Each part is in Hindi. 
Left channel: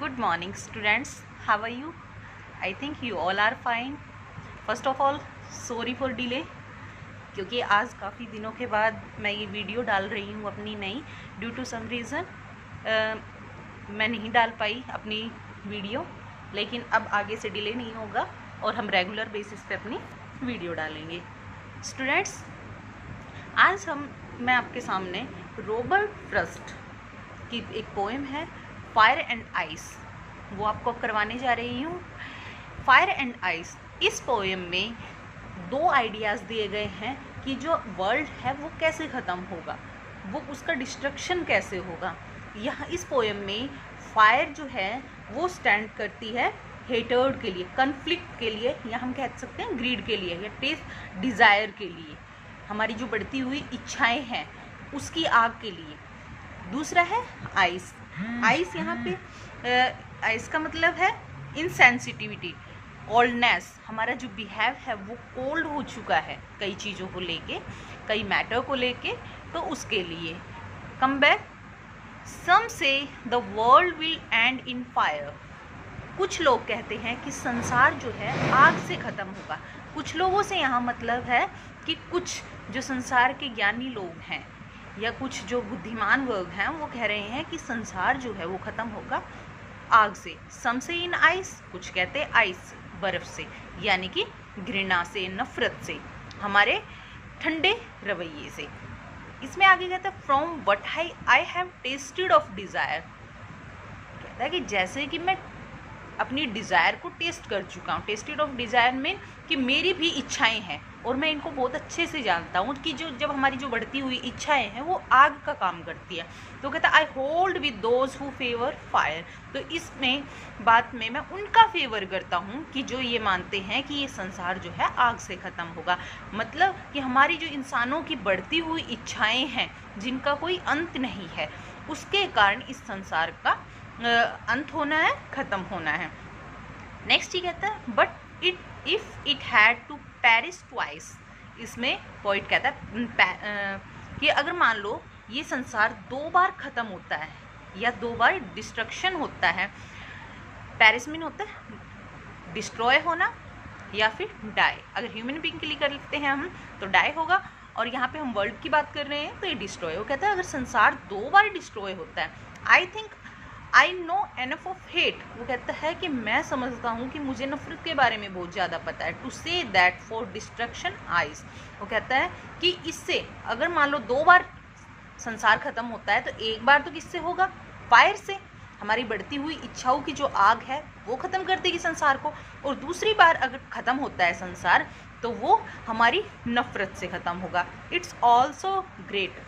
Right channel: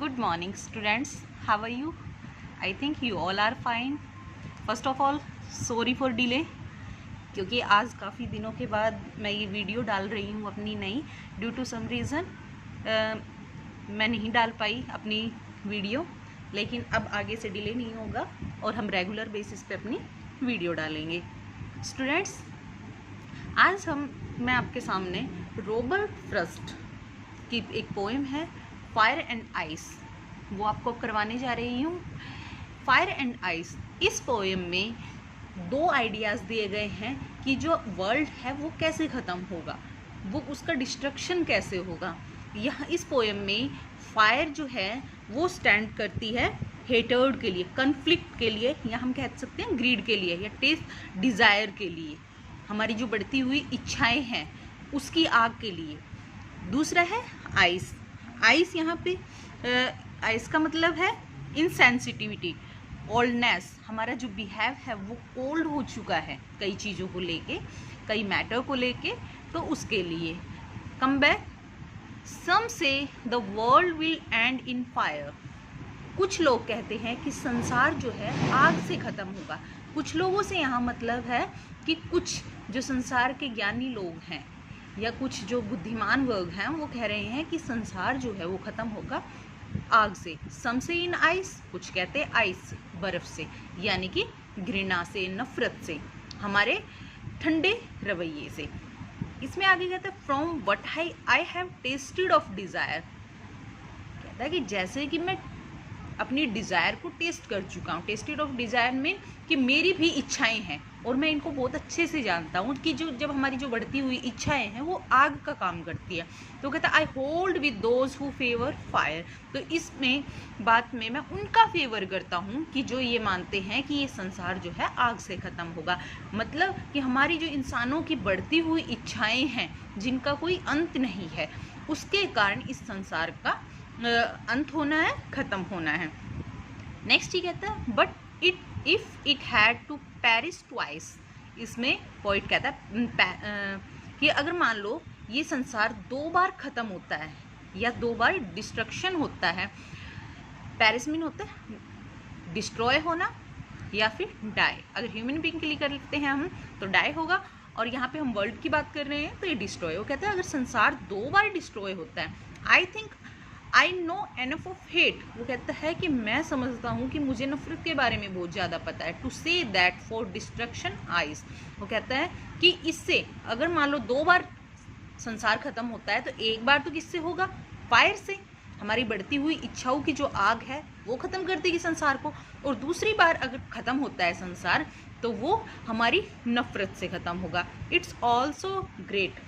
Good morning, students. How are you? I think you all are fine. First of all, sorry for delay, क्योंकि आज काफ़ी दिनों के बाद मैं ये वीडियो डाल रही हूँ अपनी नई ड्यू टू सम रीज़न मैं नहीं डाल पाई अपनी वीडियो, लेकिन अब आगे से डिले नहीं होगा और हम रेगुलर बेसिस पे अपनी वीडियो डालेंगे। स्टूडेंट्स, आज मैं आपके सामने रॉबर्ट फ्रॉस्ट की एक पोएम है फायर एंड आइस, वो आपको करवाने जा रही हूँ। फायर एंड आइस, इस पोएम में दो आइडियाज़ दिए गए हैं कि जो वर्ल्ड है वो कैसे ख़त्म होगा, वो उसका डिस्ट्रक्शन कैसे होगा। यहाँ इस पोएम में फायर जो है वो स्टैंड करती है हेटर्ड के लिए, कन्फ्लिक्ट के लिए, या हम कह सकते हैं ग्रीड के लिए, या टेस्ट डिज़ायर के लिए, हमारी जो बढ़ती हुई इच्छाएं हैं उसकी आग के लिए। दूसरा है आइस। आइस यहाँ पे आइस का मतलब है इनसेंसिटिविटी, कोल्डनेस। हमारा जो बिहेव है वो कोल्ड हो चुका है कई चीज़ों को लेके, कई मैटर को लेके, तो उसके लिए। कम बैक, सम से the world will and in fire. कुछ लोग कहते हैं कि संसार जो है आग से ख़त्म होगा। कुछ लोगों से यहाँ मतलब है कि कुछ जो संसार के ज्ञानी लोग हैं या कुछ जो बुद्धिमान वर्ग हैं वो कह रहे हैं कि संसार जो है वो ख़त्म होगा आग से। सम से इन आइस, कुछ कहते हैं आइस से, बर्फ़ से, यानी कि घृणा से, नफ़रत से, हमारे ठंडे रवैये से। इसमें आगे कहता है from what I have tested of desire. कहता है कि जैसे कि मैं अपनी डिज़ायर को टेस्ट कर चुका हूँ। टेस्टेड ऑफ डिज़ायर में कि मेरी भी इच्छाएं हैं और मैं इनको बहुत अच्छे से जानता हूँ कि जब हमारी जो बढ़ती हुई इच्छाएं हैं वो आग का काम करती है। तो कहता है I hold with those who favour fire. तो इसमें बात में मैं उनका फेवर करता हूँ कि जो ये मानते हैं कि ये संसार जो है आग से ख़त्म होगा। मतलब कि हमारी जो इंसानों की बढ़ती हुई इच्छाएँ हैं जिनका कोई अंत नहीं है, उसके कारण इस संसार का अंत होना है, ख़त्म होना है। नेक्स्ट ही कहता है but if it had to perish twice. इसमें पॉइंट कहता है कि अगर मान लो ये संसार दो बार ख़त्म होता है या दो बार डिस्ट्रक्शन होता है। पेरिश मीन होता है डिस्ट्रॉय होना या फिर डाई। अगर ह्यूमन बीइंग के लिए कर लेते हैं हम तो डाई होगा, और यहाँ पे हम वर्ल्ड की बात कर रहे हैं तो ये डिस्ट्रॉय। वो कहता है अगर संसार दो बार डिस्ट्रॉय होता है, I think I know enough of hate. वो कहता है कि मैं समझता हूँ कि मुझे नफरत के बारे में बहुत ज़्यादा पता है। To say that for destruction eyes. वो कहता है कि इससे अगर मान लो दो बार संसार ख़त्म होता है तो एक बार तो किससे होगा? फायर से। हमारी बढ़ती हुई इच्छाओं की जो आग है वो ख़त्म कर देगी संसार को, और दूसरी बार अगर ख़त्म होता है संसार तो वो हमारी नफरत से ख़त्म होगा। It's also great.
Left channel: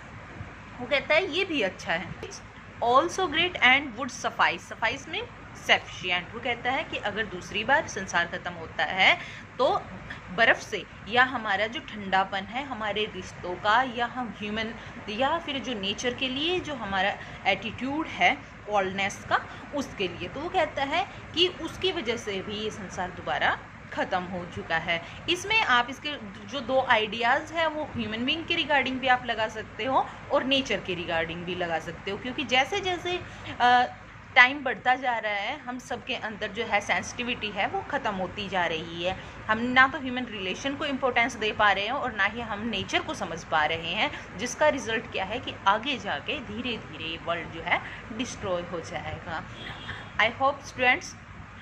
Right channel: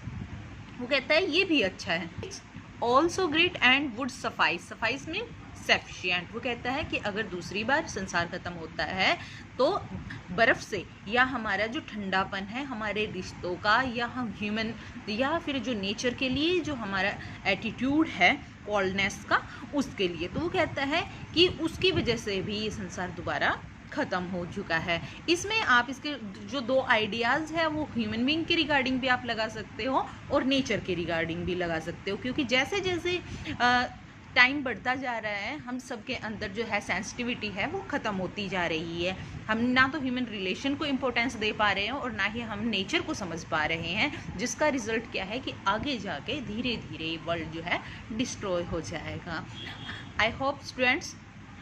वो कहता है ये भी अच्छा है। It's also great and would suffice. Suffice में सफिशिएंट। वो कहता है कि अगर दूसरी बार संसार ख़त्म होता है तो बर्फ़ से, या हमारा जो ठंडापन है हमारे रिश्तों का, या हम ह्यूमन, या फिर जो नेचर के लिए जो हमारा एटीट्यूड है कोल्डनेस का, उसके लिए। तो वो कहता है कि उसकी वजह से भी ये संसार दोबारा ख़त्म हो चुका है। इसमें आप इसके जो दो आइडियाज़ हैं वो ह्यूमन बीइंग के रिगार्डिंग भी आप लगा सकते हो और नेचर के रिगार्डिंग भी लगा सकते हो, क्योंकि जैसे जैसे टाइम बढ़ता जा रहा है हम सबके अंदर जो है सेंसिटिविटी है वो ख़त्म होती जा रही है। हम ना तो ह्यूमन रिलेशन को इम्पोर्टेंस दे पा रहे हैं और ना ही हम नेचर को समझ पा रहे हैं, जिसका रिज़ल्ट क्या है कि आगे जाके धीरे धीरे वर्ल्ड जो है डिस्ट्रॉय हो जाएगा। आई होप स्टूडेंट्स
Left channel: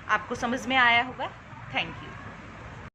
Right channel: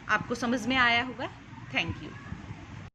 आपको समझ में आया होगा। Thank you.